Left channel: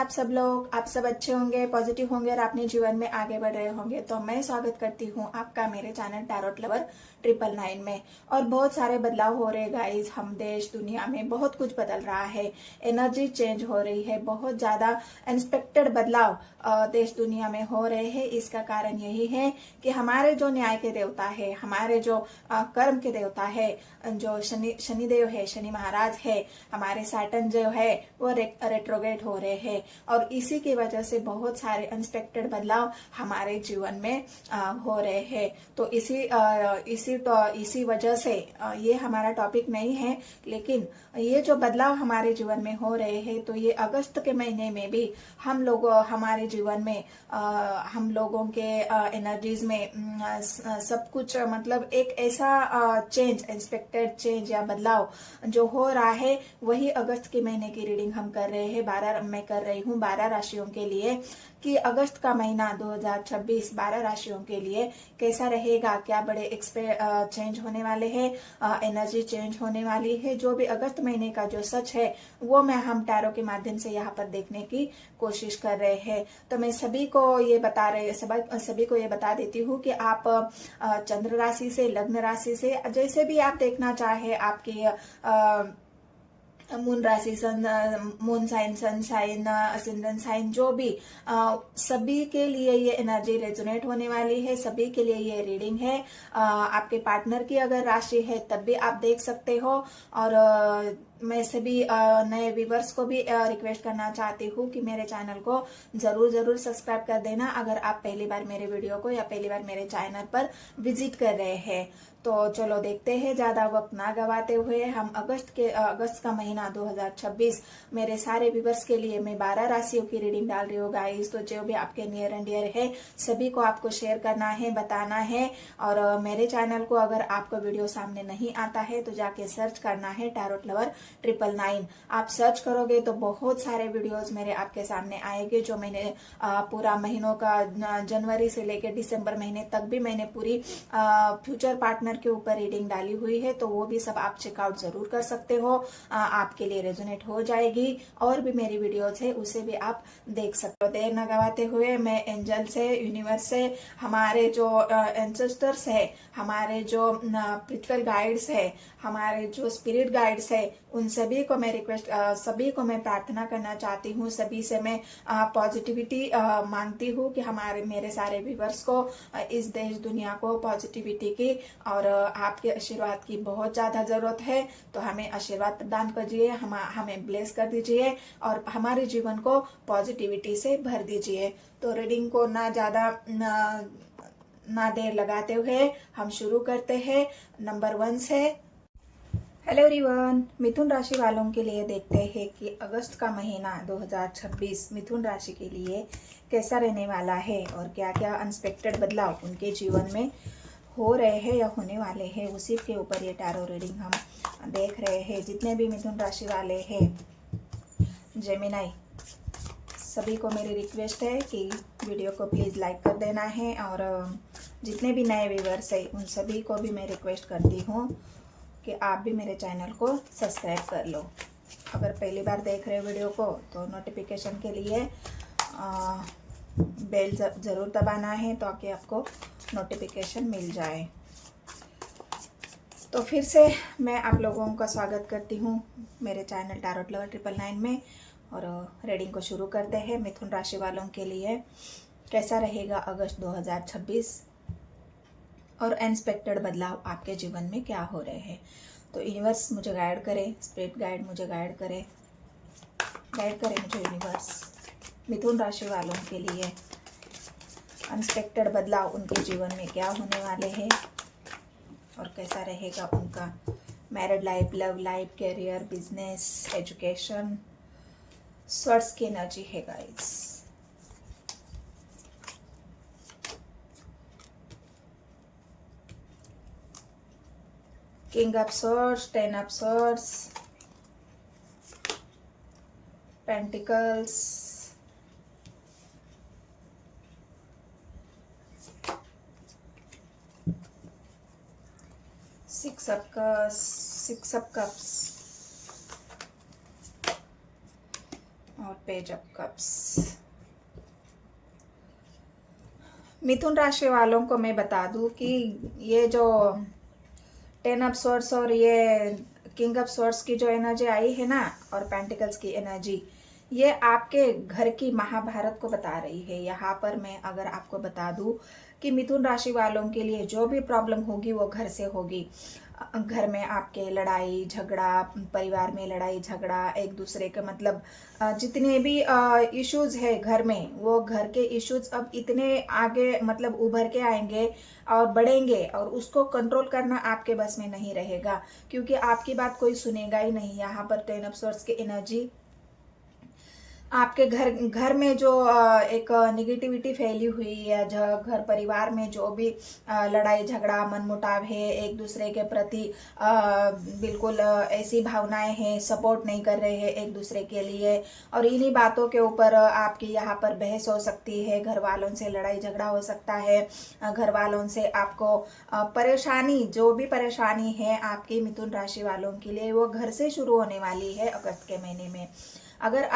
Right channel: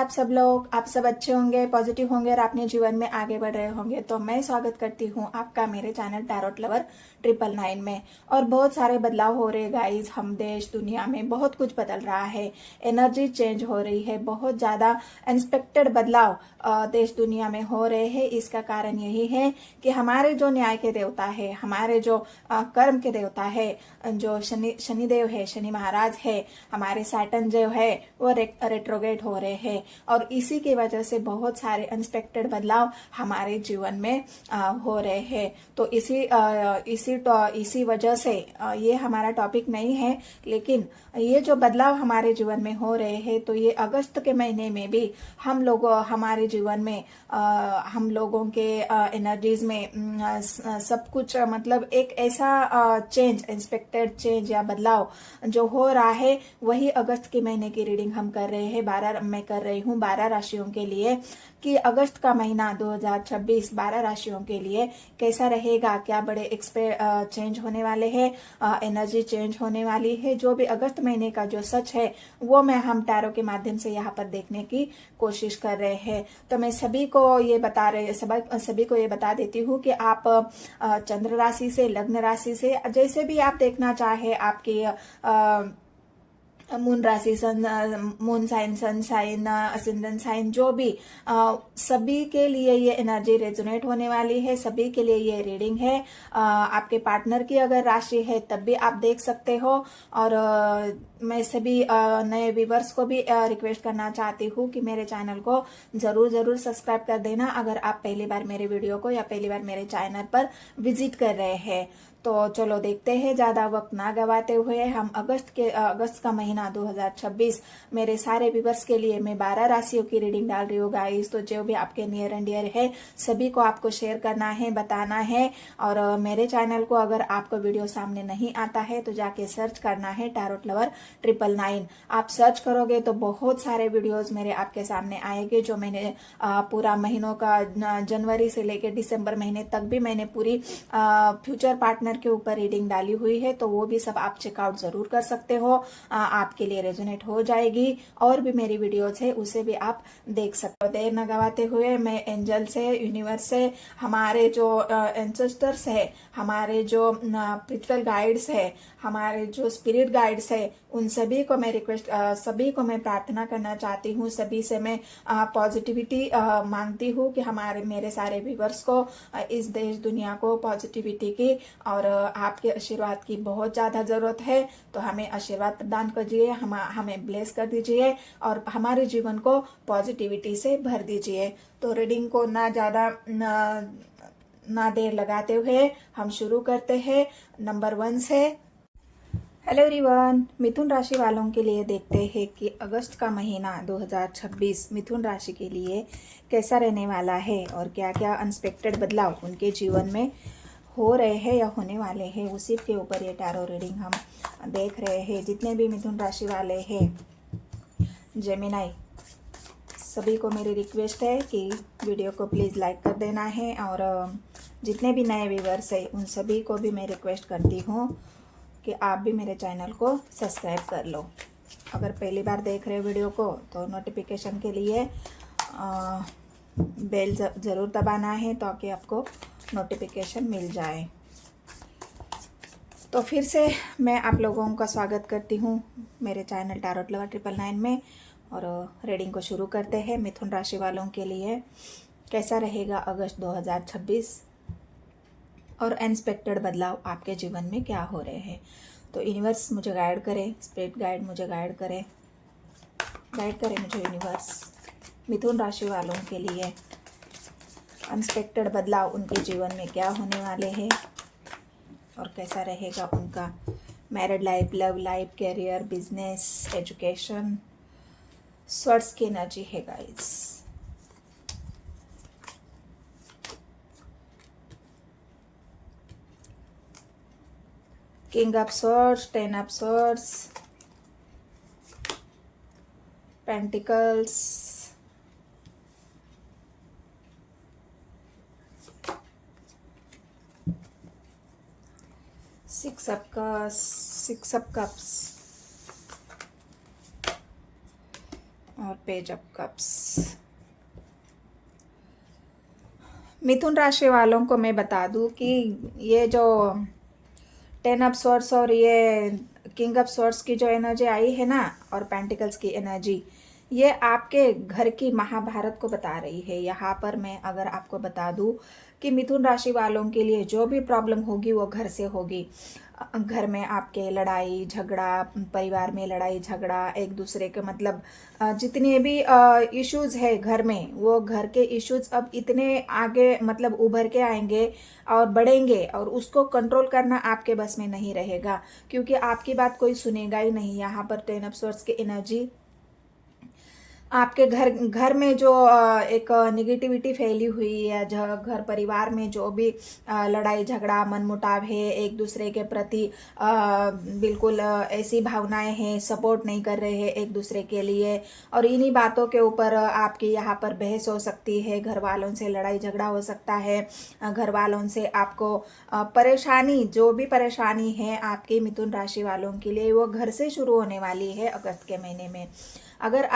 आप सब लोग, आप सब अच्छे होंगे, पॉजिटिव होंगे और अपने जीवन में आगे बढ़ रहे होंगे। तो मैं स्वागत करती हूँ आपका मेरे चैनल टैरोट लवर 999 में। और बहुत सारे बदलाव हो रहे गाइस, हम देश दुनिया में बहुत कुछ बदल रहा है, एनर्जी चेंज हो रही है, बहुत ज्यादा अनएक्सपेक्टेड बदलाव देश दुनिया में हो रहे हैं। इसका कारण यही है कि हमारे जो न्याय के देवता है, हमारे जो कर्म के देवता है, जो शनिदेव है, शनि महाराज है, हमारे सैटर्न जो है वो रेट्रोग्रेड हो रहे हैं। और इसी की वजह से बहुत सारे अनएक्सपेक्टेड बदलाव हमारे जीवन में हो रहे हैं। तो इसी वजह से ये हमारा टॉपिक नहीं है, लेकिन ये जो बदलाव हमारे जीवन में हो रहे हैं, तो ये अगस्त के महीने में भी हम लोग हमारे जीवन में हम लोगों के एनर्जीज में सब कुछ मतलब एक ऐसा चेंज, एक्सपेक्टेड चेंज या बदलाव जो हो रहा है, वही अगस्त के महीने की रीडिंग हम कर रहे हैं। मैं कर रही हूँ 12 राशियों के लिए कि अगस्त का महीना 2026 12 राशियों के लिए कैसा रहेगा, क्या बड़े चेंज होने वाले हैं, एनर्जी चेंज होने वाली है। जो भी अगस्त महीने का जो सच है वो मैं हम टैरो के माध्यम से यहाँ पर देखने की कोशिश कर रहे हैं। तो मैं सभी को ये बता देती हूँ कि आप चंद्र राशि से, लग्न राशि से, जैसे भी आप देखना चाहे, आपकी मून राशि, moon sign, sun sign, ascendant sign, जो भी सभी के लिए ये एनर्जी रेजोनेट होने वाली है, सभी के लिए ये रीडिंग है। आपके पार्टनर की अगर राशि है तब भी आप देख सकते हो। और मैं सभी नए व्यूवर्स को भी रिक्वेस्ट करना चाहती हूँ कि मेरे चैनल को जरूर सब्सक्राइब कर देना अगर आप पहली बार मेरे वीडियो को या पहली बार मेरे चैनल पर विजिट कर रहे हैं। तो चलो देखते हैं, ज्यादा वक्त ना गवाते हुए हम अगस्त का महीना 2026 मेरे सारे व्यूवर्स के लिए मैं 12 राशियों की रीडिंग डाल रही हूँ गाइस। तो जो भी आपके नियर एंड डियर है सभी को आपको शेयर करना है, बताना है। और मेरे चैनल को अगर आपको वीडियो सामने नहीं आता है तो जाके सर्च करना है टैरोट लवर 999। आप सर्च करोगे तो बहुत सारे वीडियोस मेरे आपके सामने आएंगे, जो मैंने पूरा महीनों का जनवरी से लेकर दिसंबर महीने तक भी मैंने पूरी फ्यूचर पार्टनर के ऊपर रीडिंग डाली हुई है। तो वो भी सब आप चेकआउट जरूर कर सकते हो, आपके लिए रेजोनेट हो जाएगी। और भी मेरी वीडियोस है उसे भी आप देख सकते हो। देर न गवाते हुए मैं एंजल से, यूनिवर्स से, हमारे जो एंसेस्टर्स है, हमारे जो स्पिरिचुअल गाइड्स है, हमारे जो स्पिरिट गाइड्स है, उन सभी को मैं सभी को मैं प्रार्थना करना चाहती हूँ। सभी से मैं पॉजिटिविटी मांगती हूँ कि मेरे सारे व्यूवर्स को, इस देश दुनिया को पॉजिटिविटी की और आपके आशीर्वाद की बहुत ज्यादा जरूरत है। तो हमें आशीर्वाद प्रदान कीजिए, हमें ब्लेस कर दीजिए और हमारे जीवन को पॉजिटिविटी से भर दीजिए। तो रीडिंग को ना देर लगाते हुए हम शुरू करते हैं। नंबर 1 से हेलो एवरीवन, मिथुन राशि वालों के लिए देखते हैं कि अगस्त का महीना 2026 मिथुन राशि के लिए कैसा रहने वाला है और क्या क्या अनएक्सपेक्टेड बदलाव उनके जीवन में हो रहे हैं या होने वाले हैं। उसी के ऊपर ये टैरो रीडिंग हम देख रहे हैं। जितने भी मिथुन राशि वाले हैं, जेमिनाई, सभी को मेरी रिक्वेस्ट है कि वीडियो को प्लीज़ लाइक कर देना है। और जितने भी नए व्यूवर्स हैं उन सभी को भी मैं रिक्वेस्ट करती हूँ कि आप भी मेरे चैनल को सब्सक्राइब कर लो। अगर पहली बार देख रहे वीडियो को तो नोटिफिकेशन के लिए बेल ज़रूर दबाना है ताकि आपको नोटिफिकेशन मिल जाए। तो फिर से मैं आप लोगों का स्वागत करती हूँ मेरे चैनल टैरोट लवर 999 में। और रीडिंग को शुरू करते हैं। मिथुन राशि वालों के लिए कैसा रहेगा अगस्त 2026 और अनएक्सपेक्टेड बदलाव आपके जीवन में क्या हो रहे हैं। तो यूनिवर्स मुझे गाइड करे, स्पिरिट गाइड मुझे गाइड करे मुझे यूनिवर्स। मिथुन राशि वालों के लिए अनएक्सपेक्टेड बदलाव उनके जीवन में क्या होने वाले हैं और कैसा रहेगा उनका married life, love life, career, business, education. Swords की एनर्जी है guys. King of swords, 10 of swords, pentacles, six of cups, और पेज ऑफ कप्स। मिथुन राशि वालों को मैं बता दूं कि ये जो 10 ऑफ सोर्ड्स और ये किंग ऑफ सोर्ड्स की जो एनर्जी आई है ना, और पेंटिकल्स की एनर्जी, ये आपके घर की महाभारत को बता रही है। यहाँ पर मैं अगर आपको बता दूं कि मिथुन राशि वालों के लिए जो भी प्रॉब्लम होगी वो घर से होगी। घर में आपके लड़ाई झगड़ा, परिवार में लड़ाई झगड़ा, एक दूसरे के मतलब जितने भी इश्यूज है घर में, वो घर के इश्यूज अब इतने आगे मतलब उभर के आएंगे और बढ़ेंगे, और उसको कंट्रोल करना आपके बस में नहीं रहेगा, क्योंकि आपकी बात कोई सुनेगा ही नहीं। यहाँ पर 10 ऑफ सोर्ड्स की एनर्जी आपके घर में जो एक निगेटिविटी फैली हुई है, घर परिवार में जो भी लड़ाई झगड़ा मनमुटाव है, एक दूसरे के प्रति बिल्कुल ऐसी भावनाएं हैं, सपोर्ट नहीं कर रहे हैं एक दूसरे के लिए, और इन्हीं बातों के ऊपर आपकी यहाँ पर बहस हो सकती है, घर वालों से लड़ाई झगड़ा हो सकता है, घर वालों से आपको परेशानी, जो भी परेशानी है आपके मिथुन राशि वालों के लिए, वो घर से शुरू होने वाली है अगस्त के महीने में। अगर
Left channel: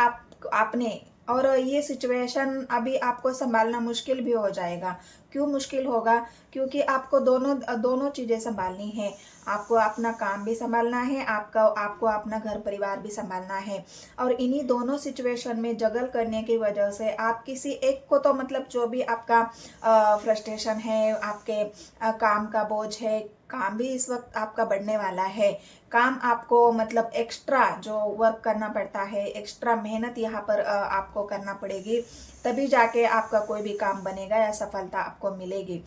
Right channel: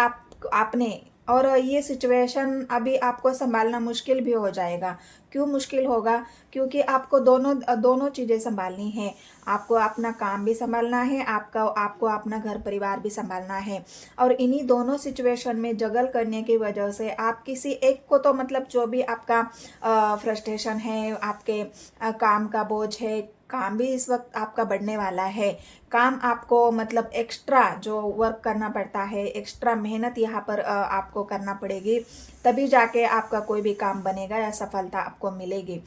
आपने, और ये सिचुएशन अभी आपको संभालना मुश्किल भी हो जाएगा। क्यों मुश्किल होगा? क्योंकि आपको दोनों चीजें संभालनी है। आपको अपना काम भी संभालना है, आपको अपना घर परिवार भी संभालना है, और इन्हीं दोनों सिचुएशन में जगल करने की वजह से आप किसी एक को तो मतलब जो भी आपका फ्रस्ट्रेशन है, आपके काम का बोझ है, काम भी इस वक्त आपका बढ़ने वाला है। काम आपको मतलब एक्स्ट्रा जो वर्क करना पड़ता है, एक्स्ट्रा मेहनत यहाँ पर आपको करना पड़ेगी, तभी जाके आपका कोई भी काम बनेगा या सफलता आपको मिलेगी।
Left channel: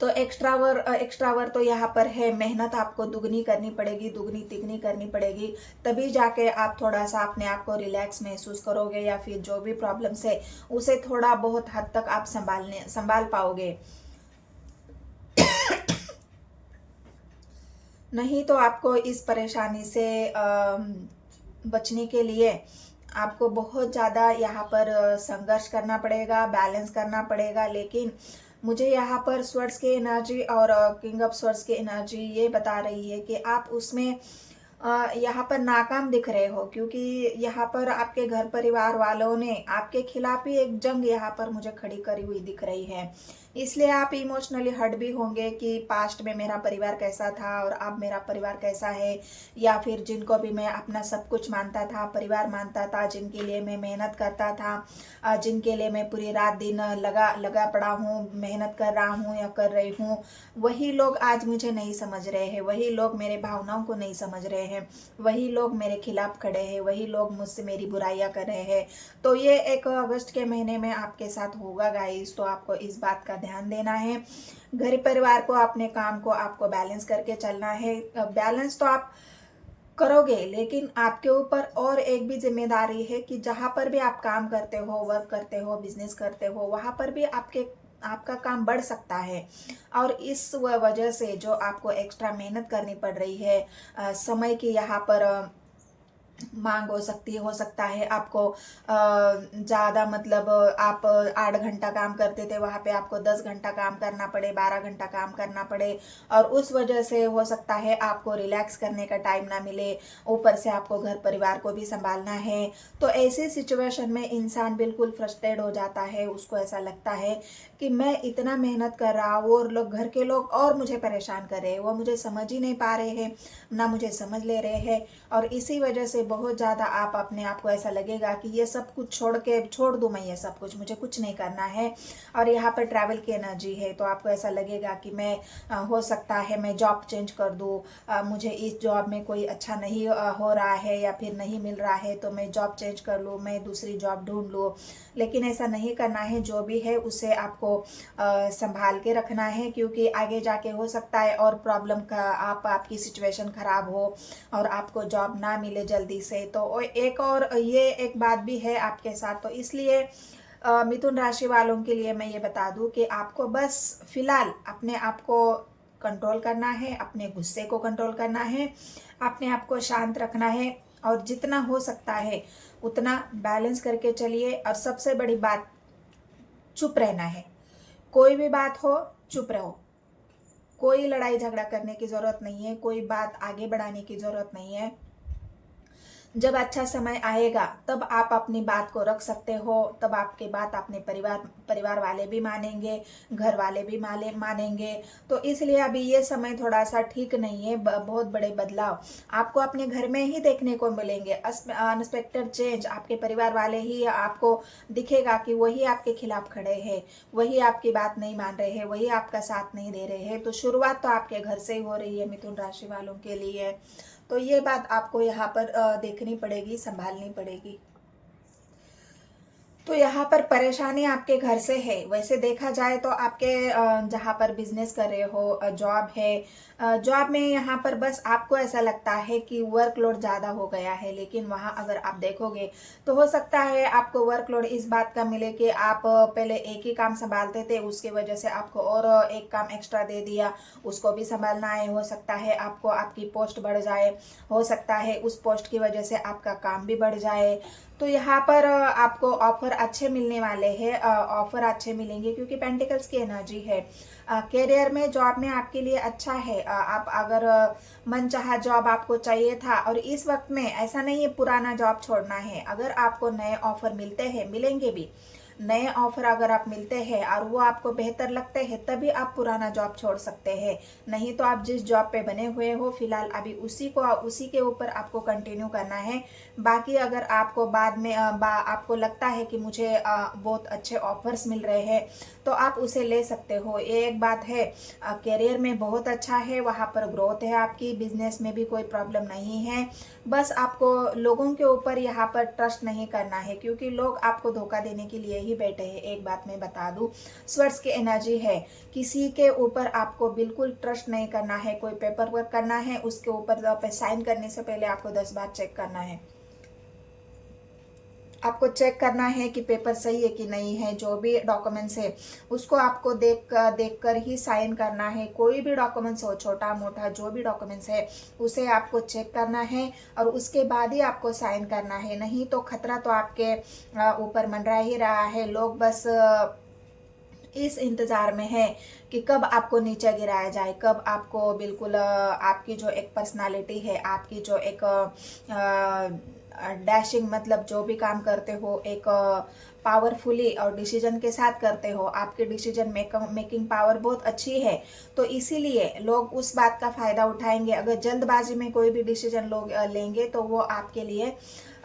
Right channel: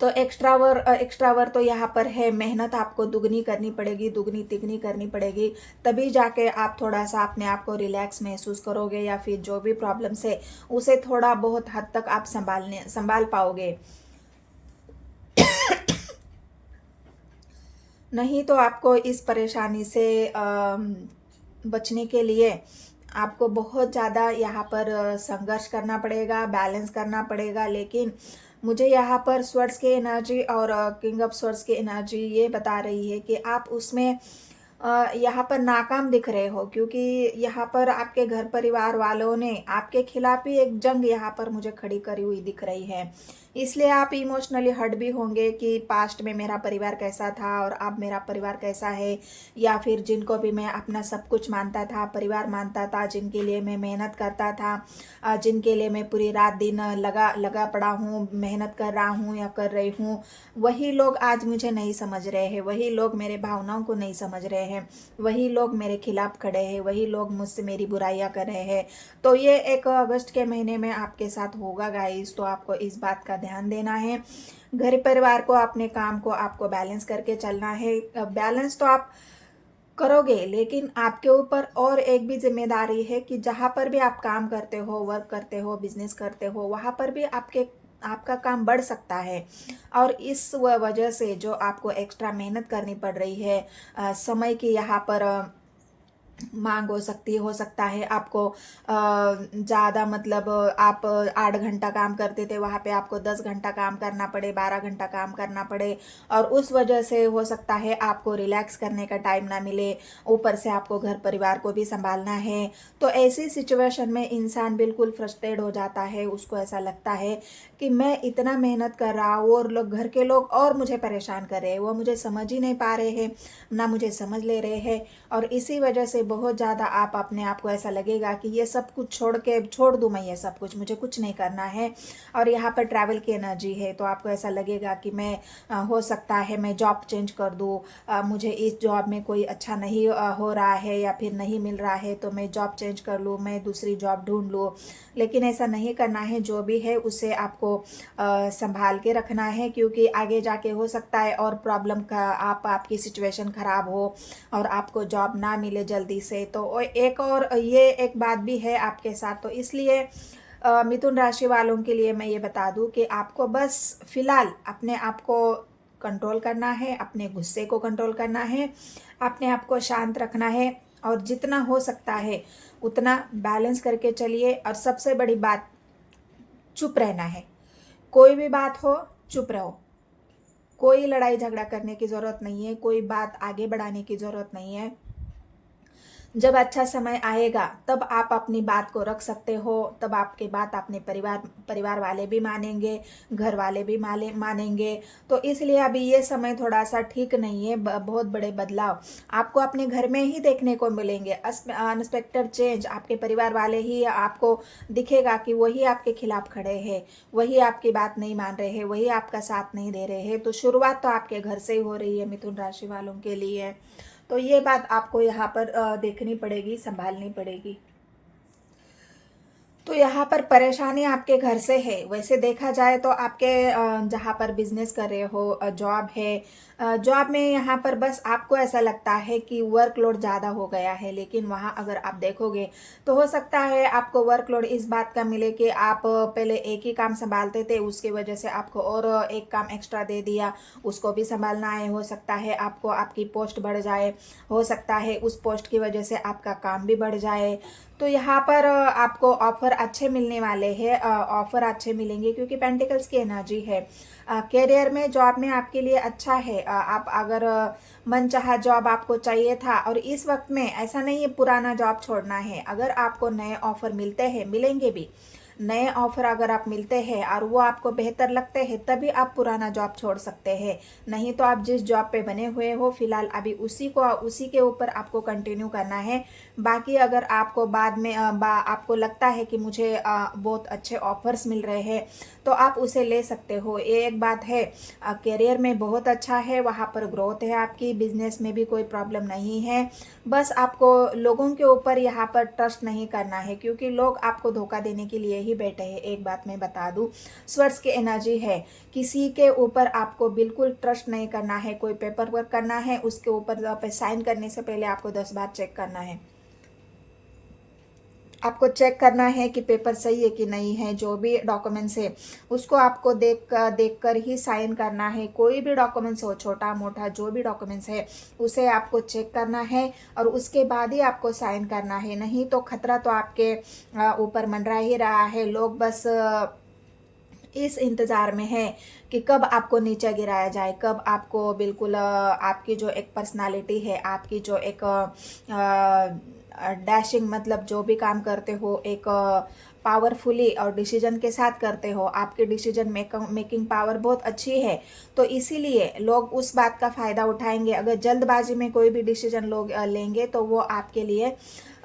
तो एक्स्ट्रा वर्क तो यहाँ पर है, मेहनत आपको दुगनी करनी पड़ेगी, दुगनी तिगनी करनी पड़ेगी, तभी जाके आप थोड़ा सा अपने आप को रिलैक्स महसूस करोगे, या फिर जो भी प्रॉब्लम्स है उसे थोड़ा बहुत हद तक आप संभाल पाओगे। नहीं तो आपको इस परेशानी से बचने के लिए आपको बहुत ज़्यादा यहाँ पर संघर्ष करना पड़ेगा, बैलेंस करना पड़ेगा। लेकिन मुझे यहाँ पर स्वर्ड्स की एनर्जी और किंग ऑफ स्वर्ड्स की एनर्जी ये बता रही है कि आप उसमें यहाँ पर नाकाम दिख रहे हो, क्योंकि यहाँ पर आपके घर परिवार वालों ने आपके खिलाफ ही एक जंग यहाँ पर मुझे खड़ी करी हुई दिख रही है। इसलिए आप इमोशनली हर्ट भी होंगे कि पास्ट में मेरा परिवार कैसा था और अब मेरा परिवार कैसा है, या फिर जिनको भी मैं अपना सब कुछ मानता था, परिवार मानता था, जिनके लिए मैं मेहनत करता था, जिनके लिए मैं पूरी रात दिन लगा पड़ा हूँ, मेहनत कर रहा हूँ या कर रही हूँ, वही लोग आज मुझे नहीं समझ रहे हैं, वही लोग मेरे भावनाओं को नहीं समझ रहे हैं, वही लोग मेरे खिलाफ खड़े हैं, वही लोग मुझसे मेरी बुराइयां कर रहे हैं। तो ये एक अगस्त के महीने में आपके साथ होगा गाइस, तो आपको इस बात का ध्यान देना है। घर परिवार को, अपने काम को आपको बैलेंस करके चलना है। बैलेंस तो आप करोगे, लेकिन आपके ऊपर और एक भी जिम्मेदारी है कि जहां पर भी आप काम करते हो, वर्क करते हो, बिजनेस करते हो, वहां पर भी आपका काम बढ़ सकता है। और इस वजह से जो आपको एक्स्ट्रा मेहनत करनी पड़ रही है, समय की यहाँ पर मांग हो सकता है आपको ज़्यादा मतलब आप 8 घंटा काम करते थे, वहाँ पे आपको 10 घंटा काम करना पड़े, 12 घंटा काम करना पड़े, और उस वजह से हो सकता है आपको रिलैक्स करने का टाइम ना मिले, ऊपर से आपको घर परिवार को भी संभालना है। तो ऐसी सिचुएशन में इंसान बिल्कुल फ्रस्ट्रेट हो जाता है, उसको ऐसा लगता है कि मैं इतना मेहनत कर रहा हूँ और घर के लोग और मुझे परेशान कर रहे हैं, वो मुझे समझ ही नहीं पा रहे हैं, ना मुझे समझ ले रहे हैं, और इसी वजह से बहुत ज़्यादा आप अपने आप को ऐसा लगेगा कि ये सब कुछ छोड़ दूँ मैं, ये सब कुछ मुझे कुछ नहीं करना है। और यहाँ पर ट्रैवल की एनर्जी है, तो आपको ऐसा लगेगा कि मैं हो सकता है मैं जॉब चेंज कर दूँ, मुझे इस जॉब में कोई अच्छा नहीं हो रहा है या फिर नहीं मिल रहा है, तो मैं जॉब चेंज कर लूँ, मैं दूसरी जॉब ढूंढ लूँ। लेकिन ऐसा नहीं करना है, जो भी है उसे आपको संभाल के रखना है, क्योंकि आगे जाके हो सकता है और प्रॉब्लम का आपकी सिचुएशन खराब हो और आपको जॉब ना मिले जल्दी से। तो ये एक बात भी है आपके साथ। तो इसलिए मिथुन राशि वालों के लिए मैं ये बता दूं कि आपको बस फिलहाल अपने आप को कंट्रोल करना है, अपने गुस्से को कंट्रोल करना है, अपने आप को शांत रखना है, और जितना हो सकता है उतना बैलेंस करके चलिए। और सबसे बड़ी बात, चुप रहना है। कोई भी बात हो, चुप रहो, कोई लड़ाई झगड़ा करने की जरूरत नहीं है, कोई बात आगे बढ़ाने की जरूरत नहीं है। जब अच्छा समय आएगा तब आप अपनी बात को रख सकते हो, तब आपकी बात अपने परिवार वाले भी मानेंगे, घर वाले भी मानेंगे। तो इसलिए अभी ये समय थोड़ा सा ठीक नहीं है। बहुत बड़े बदलाव आपको अपने घर में ही देखने को मिलेंगे। अनएक्सपेक्टेड चेंज, आपके परिवार वाले ही आपको दिखेगा कि वही आपके खिलाफ खड़े हैं, वही आपकी बात नहीं मान रहे हैं, वही आपका साथ नहीं दे रहे हैं। तो शुरुआत तो आपके घर से ही हो रही है मिथुन राशि वालों के लिए। तो ये बात आपको यहाँ पर देखनी पड़ेगी, संभालनी पड़ेगी। तो यहाँ पर परेशानी आपके घर से है। वैसे देखा जाए तो आपके जहाँ पर बिजनेस कर रहे हो, जॉब है, जॉब में यहाँ पर बस आपको ऐसा लगता है कि वर्कलोड ज़्यादा हो गया है, लेकिन वहाँ अगर आप देखोगे तो हो सकता है आपको वर्कलोड इस बात का मिले कि आप पहले एक ही काम संभालते थे, उसकी वजह से आपको और एक काम एक्स्ट्रा दे दिया, उसको भी संभालना है। हो सकता है आपको आपकी पोस्ट बढ़ जाए, हो सकता है उस पोस्ट की वजह से आपका काम भी बढ़ जाए। तो यहाँ पर आपको ऑफर अच्छे मिलने वाले हैं, ऑफर अच्छे मिलेंगे क्योंकि पेंटिकल्स की एनर्जी है। करियर में, जॉब में आपके लिए अच्छा है। आप अगर मनचाहा जॉब आपको चाहिए था और इस वक्त में ऐसा नहीं है पुराना जॉब छोड़ना है। अगर आपको नए ऑफर मिलते हैं, मिलेंगे भी, नए ऑफर अगर आप मिलते हैं और वो आपको बेहतर लगते हैं, तभी आप पुराना जॉब छोड़ सकते हैं। नहीं तो आप जिस जॉब पे बने हुए हो फिलहाल अभी उसी के ऊपर आपको कंटिन्यू करना है। बाकी अगर आपको बाद में आपको लगता है कि मुझे बहुत अच्छे ऑफर्स मिल रहे हैं तो आप उसे ले सकते हो। ये एक बात है, करियर में बहुत अच्छा है, वहाँ पर ग्रोथ है आपकी, बिजनेस में भी कोई प्रॉब्लम नहीं है। बस आपको लोगों के ऊपर यहाँ पर ट्रस्ट नहीं करना है क्योंकि लोग आपको धोखा देने के लिए ही बैठे हैं। एक बात मैं बता दूं, स्वर्स की एनर्जी है, किसी के ऊपर आपको बिल्कुल ट्रस्ट नहीं करना है। कोई पेपर वर्क करना है, उसके ऊपर साइन करने से पहले आपको 10 बार चेक करना है। आपको चेक करना है कि पेपर सही है कि नहीं है। जो भी डॉक्यूमेंट्स है उसको आपको देख कर ही साइन करना है। कोई भी डॉक्यूमेंट्स हो, छोटा मोटा जो भी डॉक्यूमेंट्स है, उसे आपको चेक करना है और उसके बाद ही आपको साइन करना है। नहीं तो खतरा तो आपके ऊपर मंडरा ही रहा है। लोग बस इस इंतजार में है कि कब आपको नीचे गिराया जाए, कब आपको बिल्कुल आपकी जो एक पर्सनालिटी है, आपकी जो एक डैशिंग, मतलब जो भी काम करते हो एक पावरफुली और डिसीजन के साथ करते हो, आपके डिसीजन मेकिंग पावर बहुत अच्छी है। तो इसीलिए लोग उस बात का फायदा उठाएंगे। अगर जल्दबाजी में कोई भी डिसीजन लोग लेंगे तो वो आपके लिए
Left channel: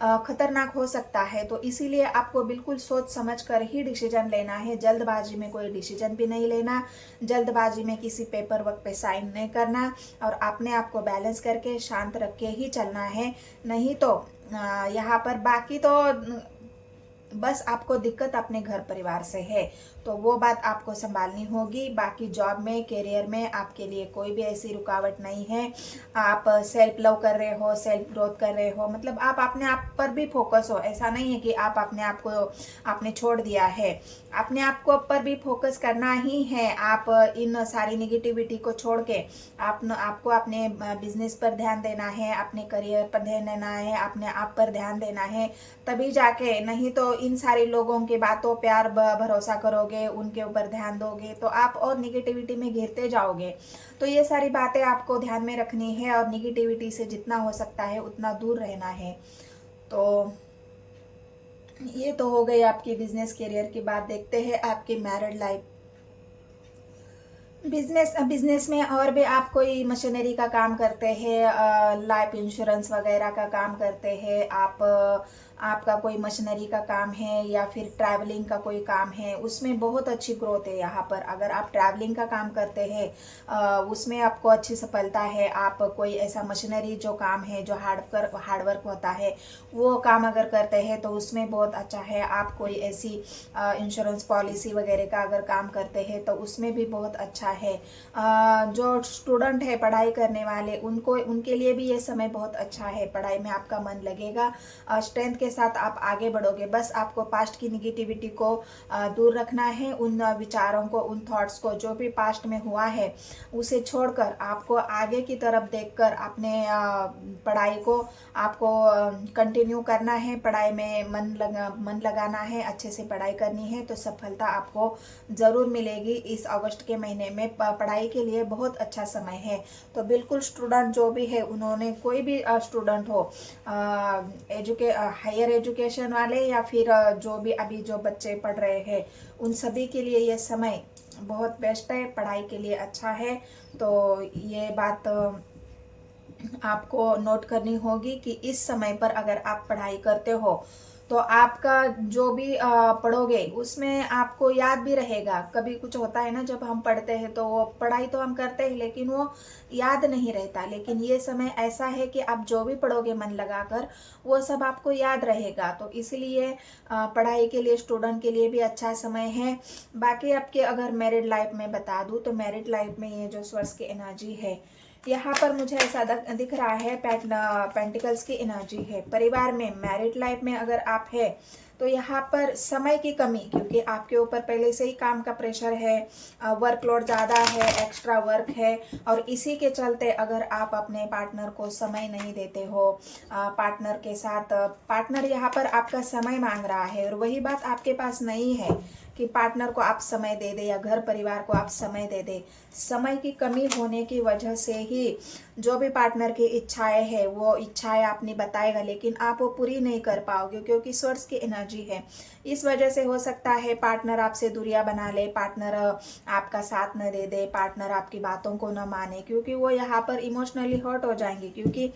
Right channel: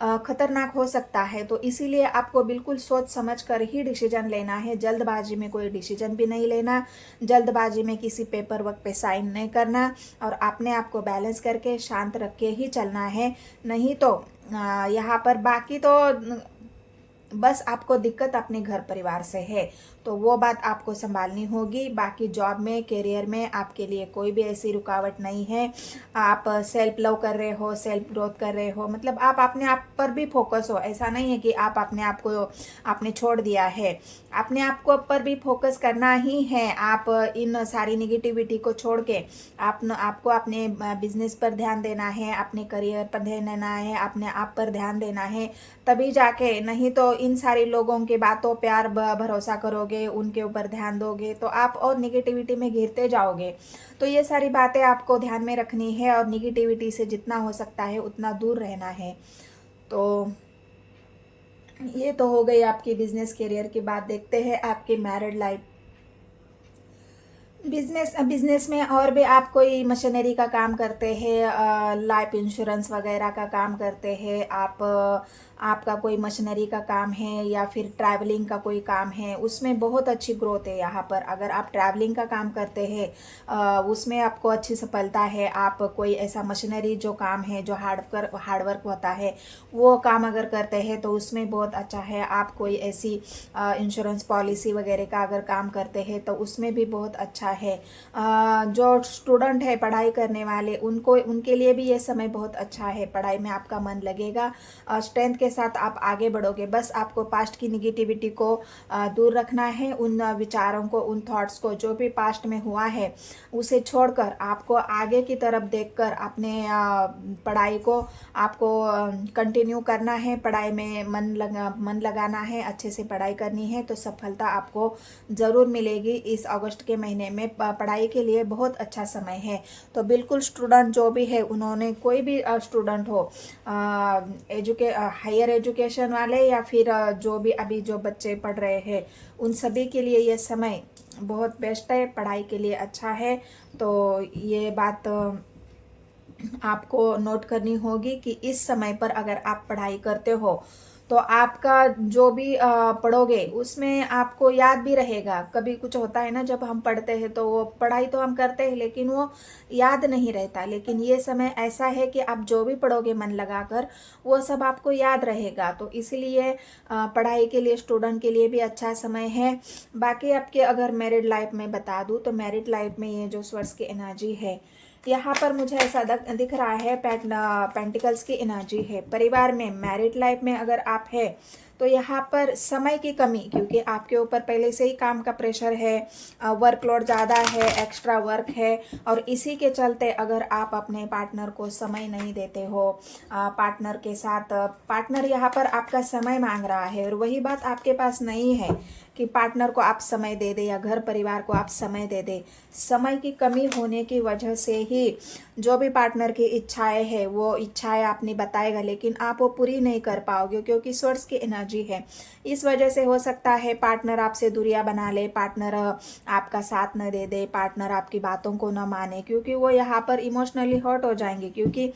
खतरनाक हो सकता है। तो इसीलिए आपको बिल्कुल सोच समझ कर ही डिसीजन लेना है। जल्दबाजी में कोई डिसीजन भी नहीं लेना, जल्दबाजी में किसी पेपर वर्क पे साइन नहीं करना और अपने आप को बैलेंस करके शांत रख के ही चलना है। नहीं तो यहाँ पर बाकी तो बस आपको दिक्कत अपने घर परिवार से है, तो वो बात आपको संभालनी होगी। बाकी जॉब में, करियर में आपके लिए कोई भी ऐसी रुकावट नहीं है। आप सेल्फ लव कर रहे हो, सेल्फ ग्रोथ कर रहे हो, मतलब आप अपने आप पर भी फोकस हो। ऐसा नहीं है कि आप अपने आप को आपने छोड़ दिया है, अपने आप को पर भी फोकस करना ही है। आप इन सारी निगेटिविटी को छोड़ के आपको अपने बिजनेस पर ध्यान देना है, अपने करियर पर ध्यान देना है, अपने आप पर ध्यान देना है, तभी जाके। नहीं तो इन सारे लोगों की बातों प्यार भरोसा करोगे, उनके ऊपर ध्यान दोगे तो आप और निगेटिविटी में घिरते जाओगे। तो ये सारी बातें आपको ध्यान में रखनी है और निगेटिविटी से जितना हो सकता है उतना दूर रहना है। तो ये तो हो गई आपकी बिजनेस करियर की बात। देखते हैं आपकी मैरिड लाइफ। बिजनेस में और भी आप कोई मशीनरी का काम करते हैं, लाइफ इंश्योरेंस वगैरह का काम करते हैं आप, आपका कोई मशीनरी का काम है या फिर ट्रैवलिंग का कोई काम है, उसमें बहुत अच्छी ग्रोथ है यहाँ पर। अगर आप ट्रैवलिंग का काम करते हैं उसमें आपको अच्छी सफलता है। आप कोई ऐसा मशीनरी जो काम है, जो हार्डवर्क होता है, वो काम अगर करते हैं तो उसमें बहुत अच्छा है। आप कोई ऐसी इंश्योरेंस पॉलिसी वगैरह का अगर काम करते हैं तो उसमें भी बहुत अच्छा है। जो स्टूडेंट है, पढ़ाई करने वाले, उनके लिए भी ये समय बहुत अच्छा है। पढ़ाई में आपका मन लगेगा, स्ट्रेंथ के साथ आप आगे बढ़ोगे। बस आपको पास्ट की निगेटिविटी को दूर रखना है। उन विचारों को, उन थॉट्स को, जो भी पास्ट में हुआ है उसे छोड़कर आपको आगे की तरफ देखकर अपने पढ़ाई को आपको कंटिन्यू करना है, पढ़ाई में मन लगाना है, अच्छे से पढ़ाई करनी है, तो सफलता आपको ज़रूर मिलेगी। इस अगस्त के महीने में पढ़ाई के लिए बहुत अच्छा समय है। तो बिल्कुल स्टूडेंट जो भी है, उन्होंने कोई भी स्टूडेंट हो, हायर एजुकेशन वाले या फिर जो भी अभी जो बच्चे पढ़ रहे हैं, उन सभी के लिए ये समय बहुत बेस्ट है, पढ़ाई के लिए अच्छा है। तो ये बात आपको नोट करनी होगी कि इस समय पर अगर आप पढ़ाई करते हो तो आपका जो भी पढ़ोगे उसमें आपको याद भी रहेगा। कभी कुछ होता है ना, जब हम पढ़ते हैं तो वो पढ़ाई तो हम करते हैं लेकिन वो याद नहीं रहता, लेकिन ये समय ऐसा है कि आप जो भी पढ़ोगे मन लगाकर वो सब आपको याद रहेगा। तो इसलिए पढ़ाई के लिए स्टूडेंट के लिए भी अच्छा समय है। बाकी आपके अगर मैरिड लाइफ में बता दूं तो मैरिड लाइफ में ये जो स्वर्स की एनर्जी है, यहाँ पर मुझे ऐसा दिख रहा है पेंटिकल्स की एनर्जी है। परिवार में मैरिड लाइफ में अगर आप है तो यहाँ पर समय की कमी, क्योंकि आपके ऊपर पहले से ही काम का प्रेशर है, वर्कलोड ज़्यादा है, एक्स्ट्रा वर्क है, और इसी के चलते अगर आप अपने पार्टनर को समय नहीं देते हो, पार्टनर के साथ पार्टनर यहाँ पर आपका समय मांग रहा है और वही बात आपके पास नहीं है कि पार्टनर को आप समय दे दे या घर परिवार को आप समय दे दे। समय की कमी होने की वजह से ही जो भी पार्टनर की इच्छाएं है वो इच्छाएं आपने बताएगा, लेकिन आप वो पूरी नहीं कर पाओगे क्योंकि स्वर्स की एनर्जी है। इस वजह से हो सकता है पार्टनर आपसे दूरियां बना ले, पार्टनर आपका साथ न दे दे, पार्टनर आपकी बातों को न माने, क्योंकि वो यहाँ पर इमोशनली हर्ट हो जाएंगे, क्योंकि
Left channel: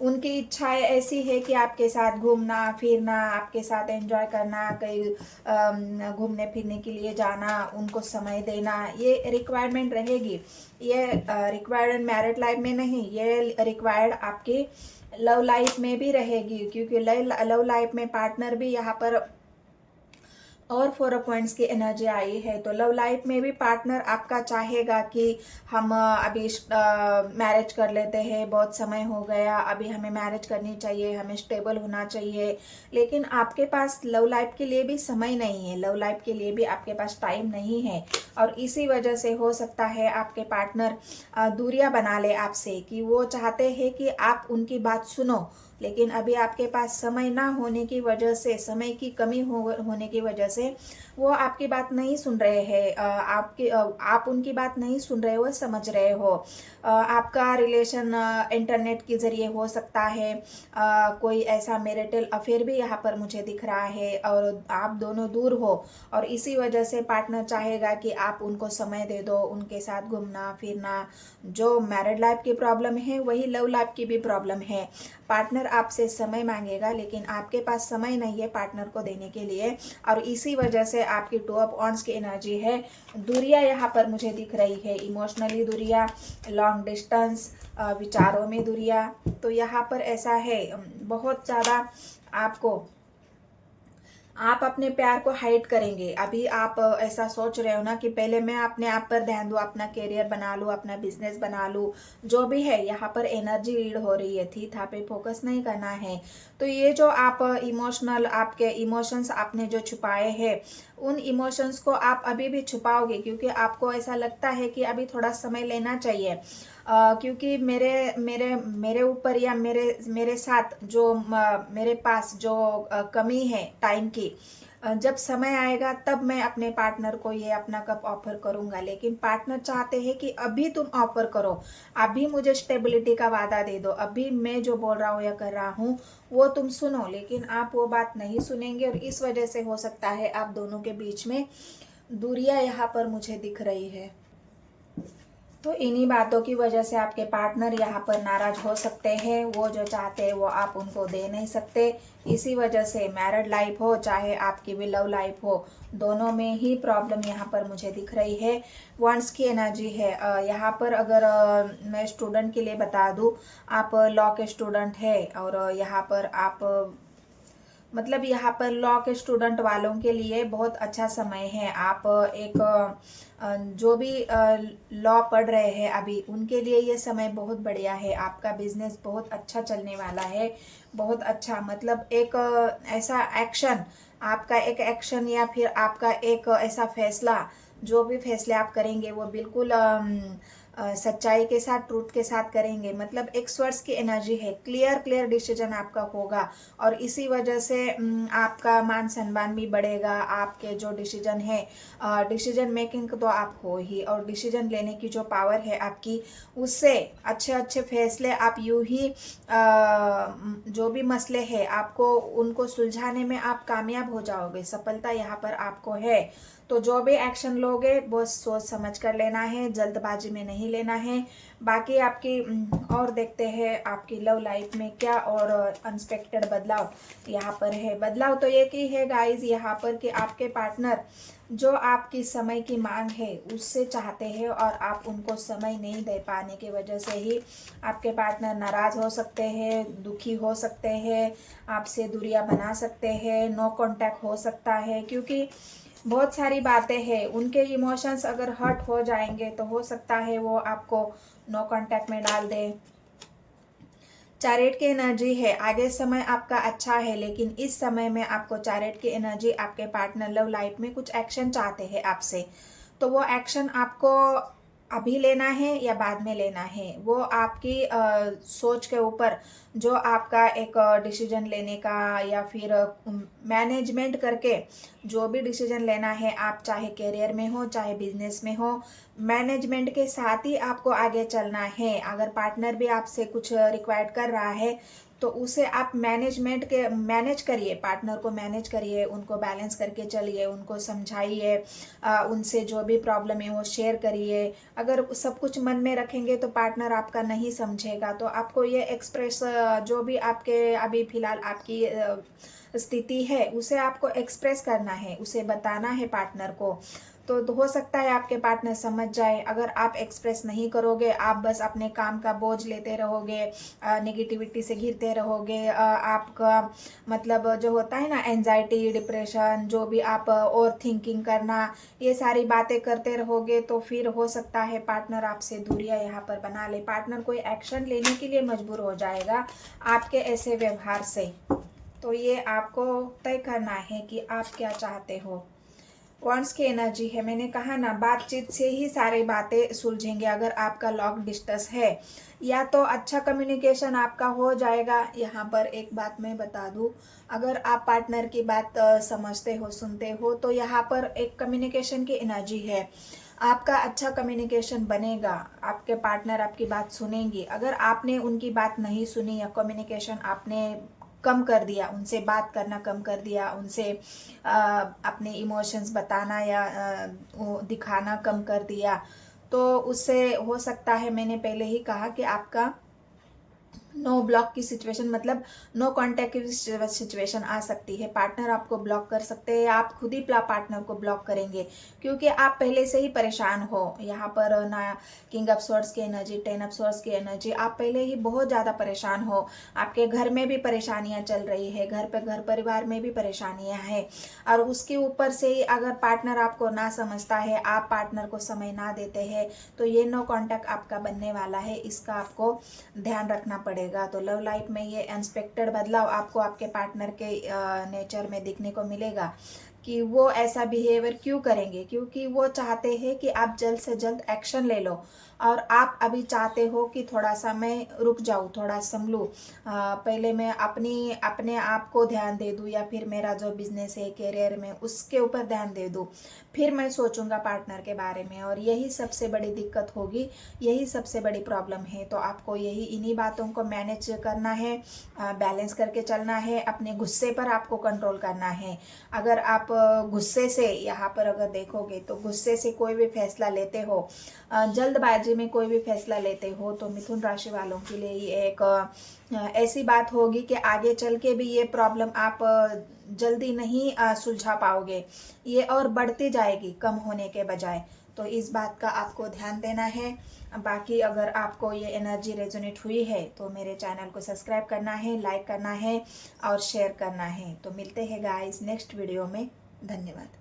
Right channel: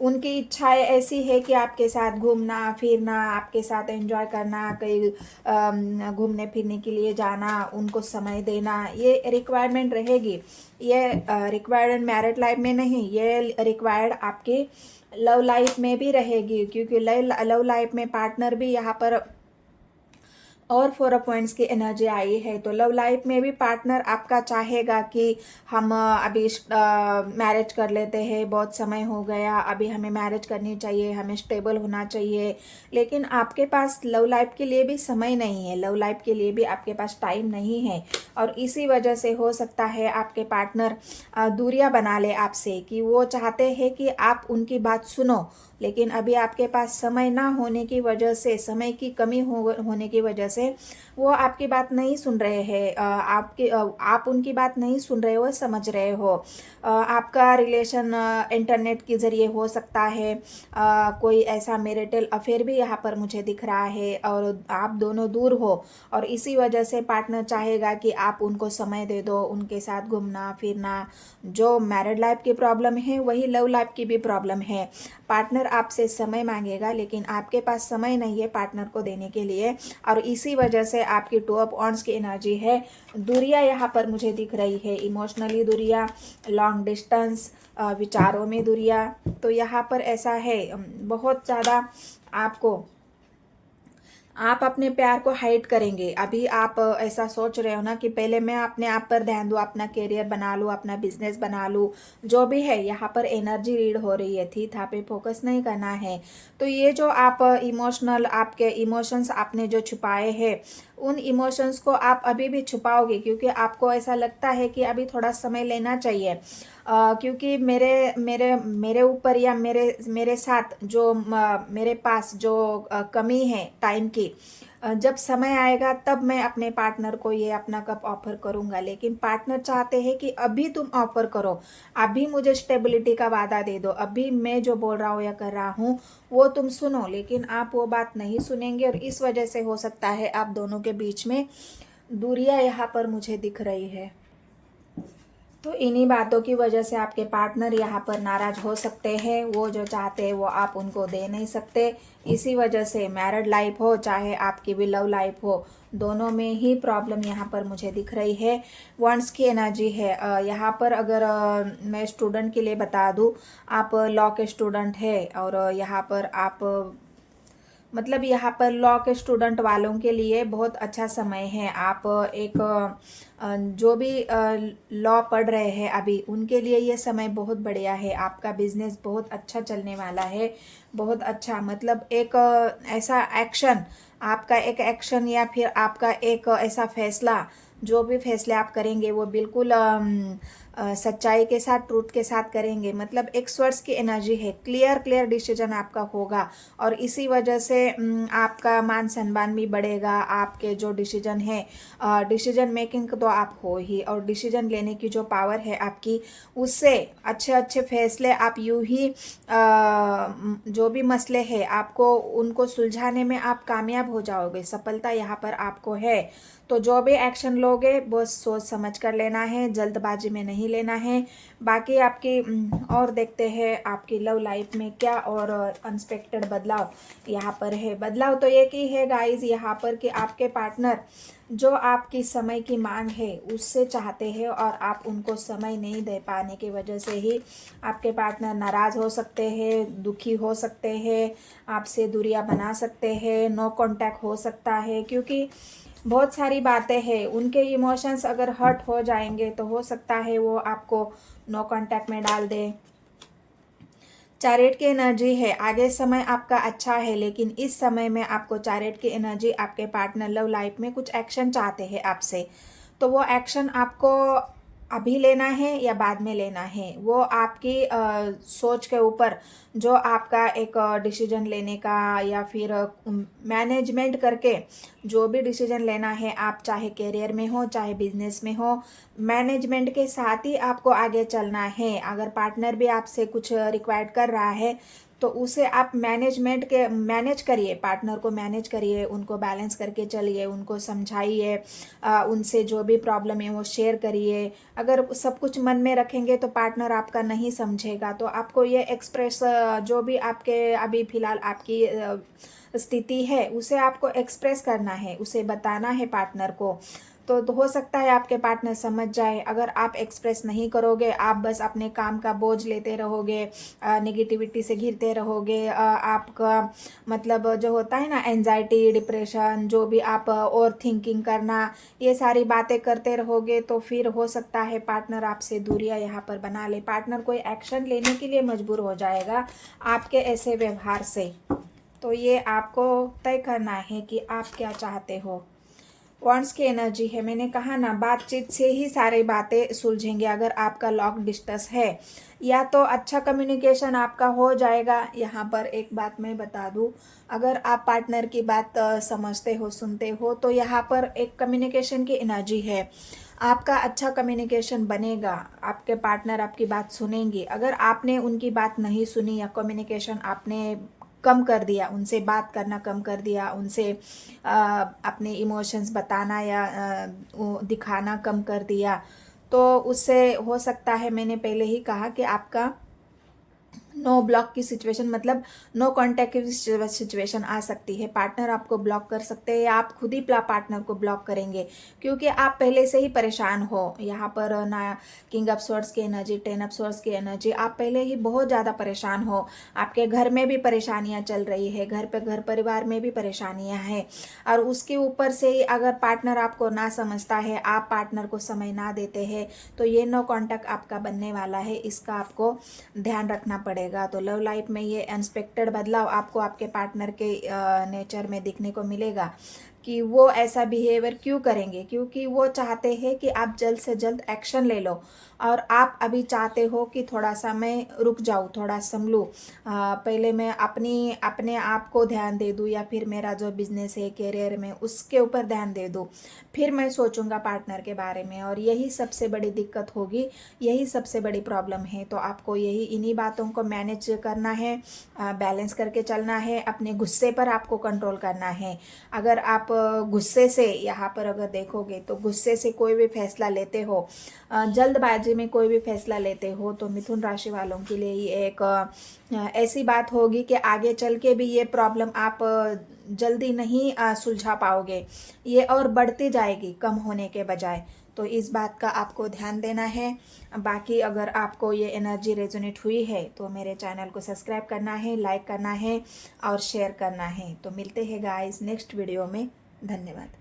उनकी इच्छाएं ऐसी है कि आपके साथ घूमना फिरना, आपके साथ एंजॉय करना, कहीं घूमने फिरने के लिए जाना, उनको समय देना, ये रिक्वायरमेंट रहेगी। ये रिक्वायर्ड मैरिड लाइफ में नहीं, ये रिक्वायर्ड आपकी लव लाइफ में भी रहेगी, क्योंकि लव लाइफ में पार्टनर भी यहाँ पर और 4 पॉइंट्स की एनर्जी आई है। तो लव लाइफ में भी पार्टनर आपका चाहेगा कि हम अभी मैरिज कर लेते हैं, बहुत समय हो गया, अभी हमें मैरिज करनी चाहिए, हमें स्टेबल होना चाहिए, लेकिन आपके पास लव लाइफ के लिए भी समय नहीं है, लव लाइफ के लिए भी आपके पास टाइम नहीं है। और इसी वजह से हो सकता है आपके पार्टनर दूरियां बना ले आपसे, कि वो चाहते हैं कि आप उनकी बात सुनो, लेकिन अभी आपके पास समय ना होने की वजह से, समय की कमी होने की वजह से वो आपकी बात नहीं सुन रहे हैं। आप उनकी बात नहीं सुन रहे हो, समझ रहे हो। आपका रिलेशन इंटरनेट के जरिए हो सकता है, कोई ऐसा मैरिटल अफेयर भी यहाँ पर मुझे दिख रहा है, और आप दोनों दूर हो, और इसी वजह से पार्टनर चाहेगा कि आप उनको समय दे दो, उनके साथ घूमना फिरना। जो मैरिड लाइफ की प्रॉब्लम है वही लव लाइफ की भी प्रॉब्लम है। पार्टनर आपसे समय मांगेगा लेकिन आपके पास समय नहीं है पार्टनर को देने के लिए, और इसी वजह से आपकी 2 ऑफ वांड्स की एनर्जी है। दूरियां यहाँ पर मुझे दिख रही है, इमोशनली दूरियां, लॉन्ग डिस्टेंस, विचारों में दूरियां। तो यहाँ पर ऐसा है, बहुत ज़्यादा आप अपने प्यार को हाइड करेंगे। अभी आप ऐसा सोच रहे हो ना कि पहले मैं अपने आप पर ध्यान दूं, अपना करियर बना लूं, अपना बिजनेस बना लूं, जो भी है यहाँ पर एनर्जी रीड हो रही है, थी था पे फोकस नहीं करना है। तो ये जो आप आपके इमोशंस आपने जो छुपाए हैं, उन इमोशंस को आप अभी भी छुपाओगे, क्योंकि आपको ऐसा लगता है कि अभी थोड़ा समय लेना चाहिए। क्योंकि मेरे मेरे मेरे ऊपर या मेरे साथ जो मेरे पास जो कमी है टाइम की, जब समय आएगा तब मैं अपने पार्टनर को ये अपना कप ऑफर करूंगा। लेकिन पार्टनर चाहते हैं कि अभी तुम ऑफर करो, अभी मुझे स्टेबिलिटी का वादा दे दो, अभी मैं जो बोल रहा हूँ या कर रहा हूँ वो तुम सुनो, लेकिन आप वो बात नहीं सुनेंगे, और इस वजह से हो सकता है आप दोनों के बीच में दूरियां यहाँ पर मुझे दिख रही है। तो इन्हीं बातों की वजह से आपके पार्टनर यहाँ पर नाराज हो सकते हैं, वो जो चाहते हैं वो आप उनको दे नहीं सकते। इसी वजह से मैरिड लाइफ हो चाहे आपकी भी लव लाइफ हो, दोनों में ही प्रॉब्लम यहाँ पर मुझे दिख रही है। वंस की एनर्जी है यहाँ पर। अगर मैं स्टूडेंट के लिए बता दूँ, आप लॉ के स्टूडेंट है, और यहाँ पर आप मतलब यहाँ पर लॉ के स्टूडेंट वालों के लिए बहुत अच्छा समय है। आप एक जो भी लॉ पढ़ रहे हैं अभी, उनके लिए ये समय बहुत बढ़िया है। आपका बिजनेस बहुत अच्छा चलने वाला है, बहुत अच्छा, मतलब एक ऐसा एक्शन, आपका एक एक्शन या फिर आपका एक ऐसा फैसला, जो भी फैसले आप करेंगे वो बिल्कुल सच्चाई के साथ, ट्रूथ के साथ करेंगे। मतलब एक स्वर्स की एनर्जी है, क्लियर डिसीजन आपका होगा और इसी वजह से आपका मान सम्मान भी बढ़ेगा। आपके जो डिसीजन है, डिसीजन मेकिंग तो आप हो ही, और डिसीजन लेने की जो पावर है आपकी, उससे अच्छे फैसले आप यूं ही जो भी मसले हैं आपको उनको सुलझाने में आप कामयाब हो जाओगे। सफलता यहाँ पर आपको है। तो जो भी एक्शन लोगे वो सोच समझ कर लेना है, जल्दबाजी में नहीं लेना है। बाकी आपकी और देखते हैं आपकी लव लाइफ में क्या और अनएक्सपेक्टेड बदलाव यहाँ पर है। बदलाव तो एक ही है गाइस यहाँ पर कि आपके पार्टनर जो आपकी समय की मांग है उससे चाहते हैं और आप उनको समय नहीं दे पाने की वजह से ही आपके पार्टनर नाराज हो सकते हैं, दुखी हो सकते हैं, आपसे दूरियां बना सकते हैं, नो कांटेक्ट हो सकता है। क्योंकि बहुत सारी बातें हैं, उनके इमोशंस अगर हर्ट हो जाएंगे तो हो सकता है वो आपको नो कांटेक्ट में डाल दें। चैरियट की एनर्जी है, आगे समय आपका अच्छा है, लेकिन इस समय में आपको चैरियट की एनर्जी, आपके पार्टनर लव लाइफ में कुछ एक्शन चाहते हैं आपसे। तो वो एक्शन आपको अभी लेना है या बाद में लेना है, वो आपकी सोच के ऊपर, जो आपका एक डिसीजन लेने का या फिर मैनेजमेंट करके जो भी डिसीजन लेना है, आप चाहे करियर में हो चाहे बिजनेस में हो, मैनेजमेंट के साथ ही आपको आगे चलना है। अगर पार्टनर भी आपसे कुछ रिक्वायर्ड कर रहा है तो उसे आप मैनेज करिए, पार्टनर को मैनेज करिए, उनको बैलेंस करके चलिए, उनको समझाइए, उनसे जो भी प्रॉब्लम है वो शेयर करिए। अगर सब कुछ मन में रखेंगे तो पार्टनर आपका नहीं समझेगा। तो आपको ये एक्सप्रेस, जो भी आपके अभी फिलहाल आपकी स्थिति है उसे आपको एक्सप्रेस करना है, उसे बताना है पार्टनर को। तो हो सकता है आपके पार्टनर समझ जाए। अगर आप एक्सप्रेस नहीं करोगे, आप बस अपने काम का बोझ लेते रहोगे, नेगेटिविटी से घिरते रहोगे, आपका मतलब जो होता है ना एंजाइटी, डिप्रेशन, जो भी आप और थिंकिंग करना, ये सारी बातें करते रहोगे, तो फिर हो सकता है पार्टनर आपसे दूरियां यहाँ पर बना ले। पार्टनर कोई एक्शन लेने के लिए मजबूर हो जाएगा आपके ऐसे व्यवहार से। तो ये आपको तय करना है कि आप क्या चाहते हो। वॉन्ड्स की एनर्जी है, मैंने कहा ना बातचीत से ही सारी बातें सुलझेंगे। अगर आपका लॉन्ग डिस्टेंस है या तो अच्छा कम्युनिकेशन आपका हो जाएगा। यहाँ पर एक बात मैं बता दूं, अगर आप पार्टनर की बात समझते हो, सुनते हो, तो यहाँ पर एक कम्युनिकेशन की एनर्जी है। आपका अच्छा कम्युनिकेशन बनेगा, आपके पार्टनर आपकी बात सुनेंगे। अगर आपने उनकी बात नहीं सुनी या कम्युनिकेशन आपने कम कर दिया, उनसे बात करना कम कर दिया, उनसे अपने इमोशंस बताना या दिखाना कम कर दिया, तो उससे हो सकता है, मैंने पहले ही कहा कि आपका नो ब्लॉक की सिचुएशन, मतलब नो कांटेक्ट की सिचुएशन आ सकती है। पार्टनर आपको ब्लॉक कर सकते हैं या आप खुद ही पार्टनर को ब्लॉक करेंगे, क्योंकि आप पहले से ही परेशान हो। यहाँ पर ना किंग ऑफ स्वॉर्ड्स की एनर्जी, 10 ऑफ स्वॉर्ड्स की एनर्जी, आप पहले ही बहुत ज़्यादा परेशान हो। आपके घर में भी परेशानियां चल रही है, घर परिवार में भी परेशानियां हैं, और उसके ऊपर से ही अगर पार्टनर आपको ना समझता है, आप पार्टनर को समय ना देते हैं, तो ये नो कांटेक्ट आपका बनने वाला है। इसका आपको ध्यान रखना पड़ेगा। तो लव लाइफ में ये अनएक्सपेक्टेड बदलाव आपको आपके पार्टनर के नेचर में देखने को मिलेगा कि वो ऐसा बिहेवियर क्यों करेंगे, क्योंकि वो चाहते हैं कि आप जल्द से जल्द एक्शन ले लो, और आप अभी चाहते हो कि थोड़ा सा मैं रुक जाऊं, थोड़ा संभलूं, पहले मैं अपने आप को ध्यान दे दूं, या फिर मेरा जो बिजनेस है, करियर में, उसके ऊपर ध्यान दे दूं, फिर मैं सोचूंगा पार्टनर के बारे में। और यही सबसे बड़ी दिक्कत होगी, यही सबसे बड़ी प्रॉब्लम है। तो आपको इन्हीं बातों को मैनेज करना है, बैलेंस करके चलना है। अपने गुस्से पर आपको कंट्रोल करना है। अगर आप गुस्से से, यहाँ पर अगर देखोगे तो गुस्से से कोई भी फैसला लेते हो, जल्दबाजी में कोई भी फैसला लेते हो, तो मिथुन राशि वालों के लिए ये एक ऐसी बात होगी कि आगे चल के भी ये प्रॉब्लम आप जल्दी नहीं सुलझा पाओगे, ये और बढ़ती जाएगी कम होने के बजाय। तो इस बात का आपको ध्यान देना है। बाकी अगर आपको ये एनर्जी रेजोनेट हुई है तो मेरे चैनल को सब्सक्राइब करना है, लाइक करना है और शेयर करना है। तो मिलते हैं गाइस नेक्स्ट वीडियो में। धन्यवाद।